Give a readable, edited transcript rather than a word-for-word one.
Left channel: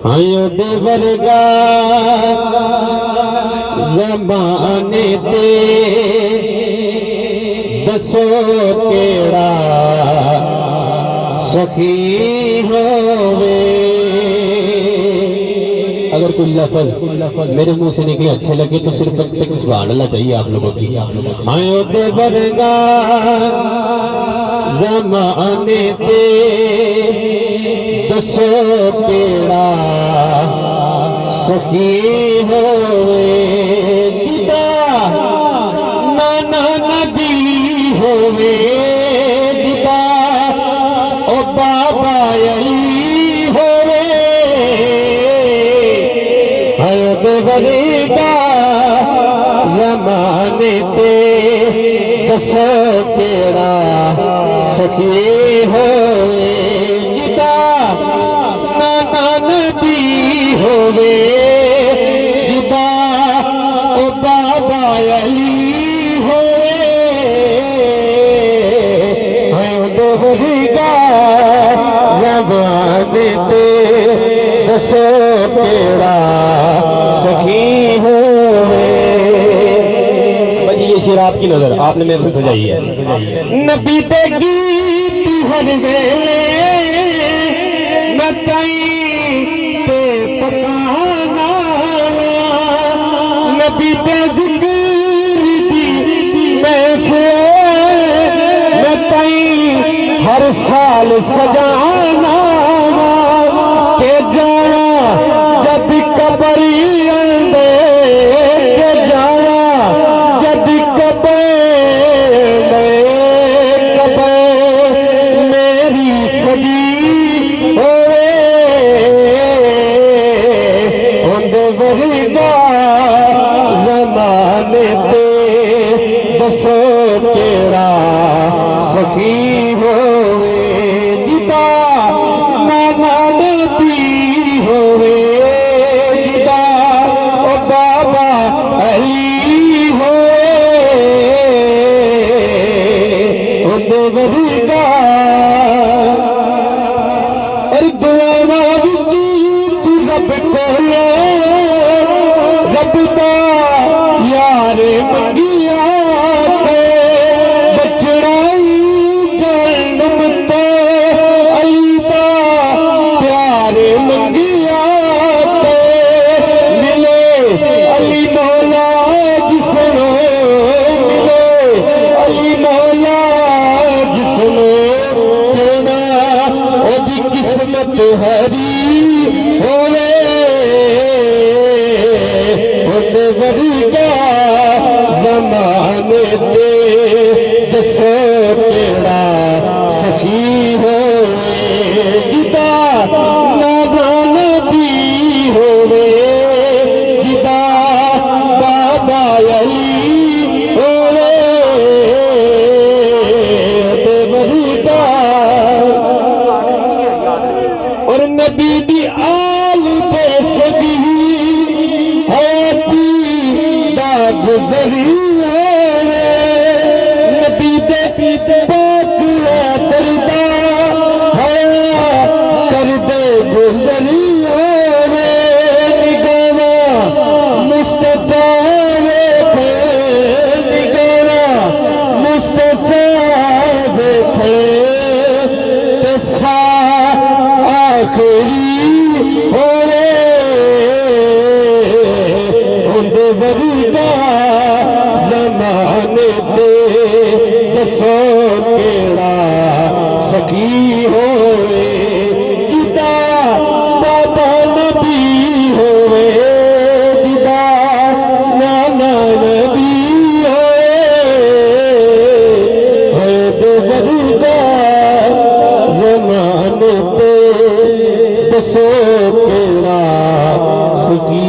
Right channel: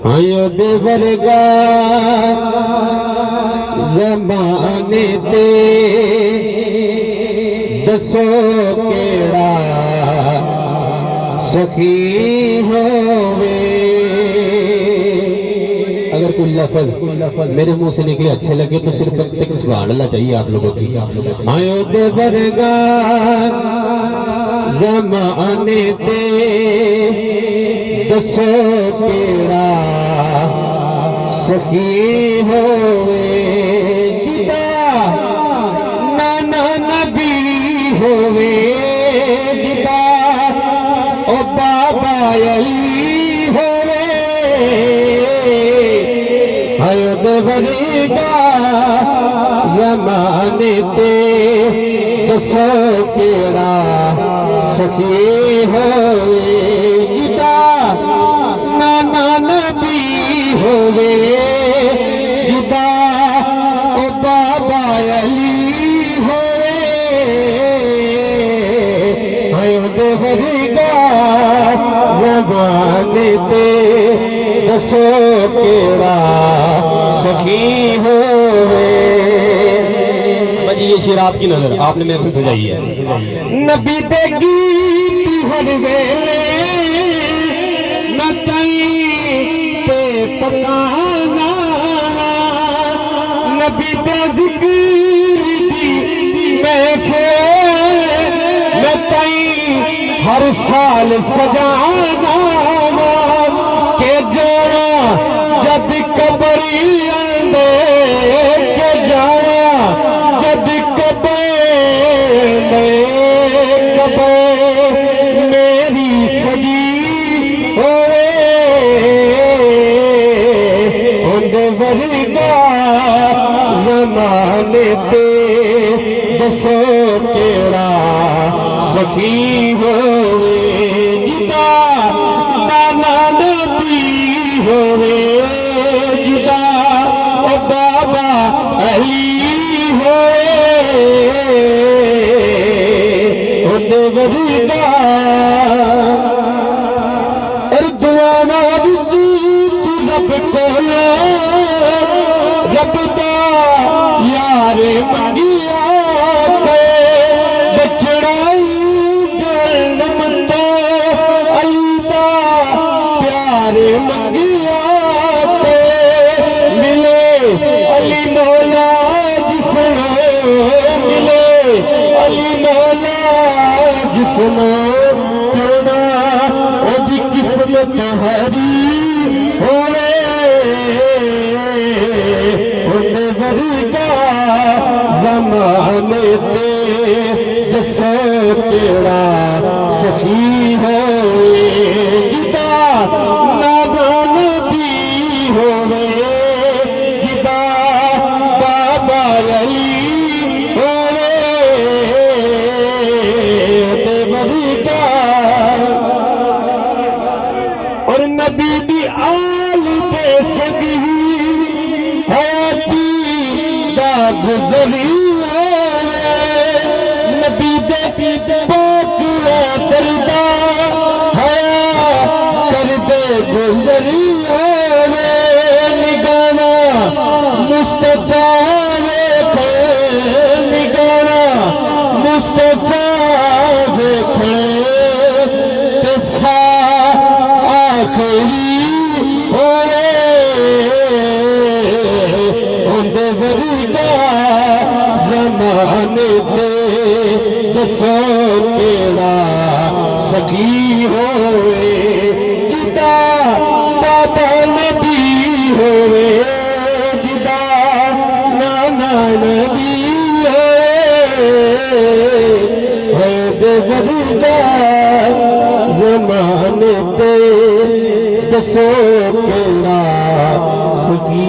आयो देवरगा ज़माने ते दसो केड़ा सखी होवे। अगर कोई लफ्ज़ मेरे मुंह से निकले अच्छे लगे तो सिर्फ तब तक सुभान अल्लाह चाहिए आप लोगों की। आयो देवरगा ज़माने ते दसो केड़ा सखी होवे। जिदा नाना नबी होवे, जिदा ओ बाबा अली होवे। आयो देवरेगा ज़माने ते दसो केड़ा सखी होवे। जिदा नाना नबी होवे, जिदा ओ बाबा अली होवे। आयो देवरेगा ज़माने ते दसो केड़ा सखी होवे। ये शेर आपकी नजर आपने महफिल सजाई है। नबी दे गीत हर वेले मैं कहीं पे पकाना, नबी दे जिक्र दी महफिल मैं कहीं हर साल सजाना। के जाना जब कबरी आंदे, के जाना जब कबरी मेरी सगी होवे। उंदे वरगा ज़माने ते दसो केड़ा सखी होवे। जिदा नाना नबी होवे, जिदा ओ बाबा अली होवे। उंदे वरगा दुआना विच तू रब कोले, रब दा यारे मंगिया ते बचड़ाई जन्म ते अली दा प्यारे मंगिया ते मिले अली मौला जिसने मिले अली मौला जिसने जोड़ा ओ भी किस्मत हरी होवे। होने वरगा ज़माने ते दसो केड़ा सखी होवे। जिदा नाना नबी होवे, जिदा बाबा अली होवे। देवरगा और नबी दी आल पे सभी हयाती दा गुज़रिया वे। नबी दे पाकला करदा हया कर दे गुज़रिया वे। निगाना मुस्तफा वेखे, निगाना मुस्तफा वेखे तेसा आखिरी होवे। उंदे वरगा ज़माने ते दसो केड़ा सखी होवे। जिदा बाबा नबी होवे, जिदा नाना नबी होवे। देवरगा ज़माने ते दसो केड़ा सखी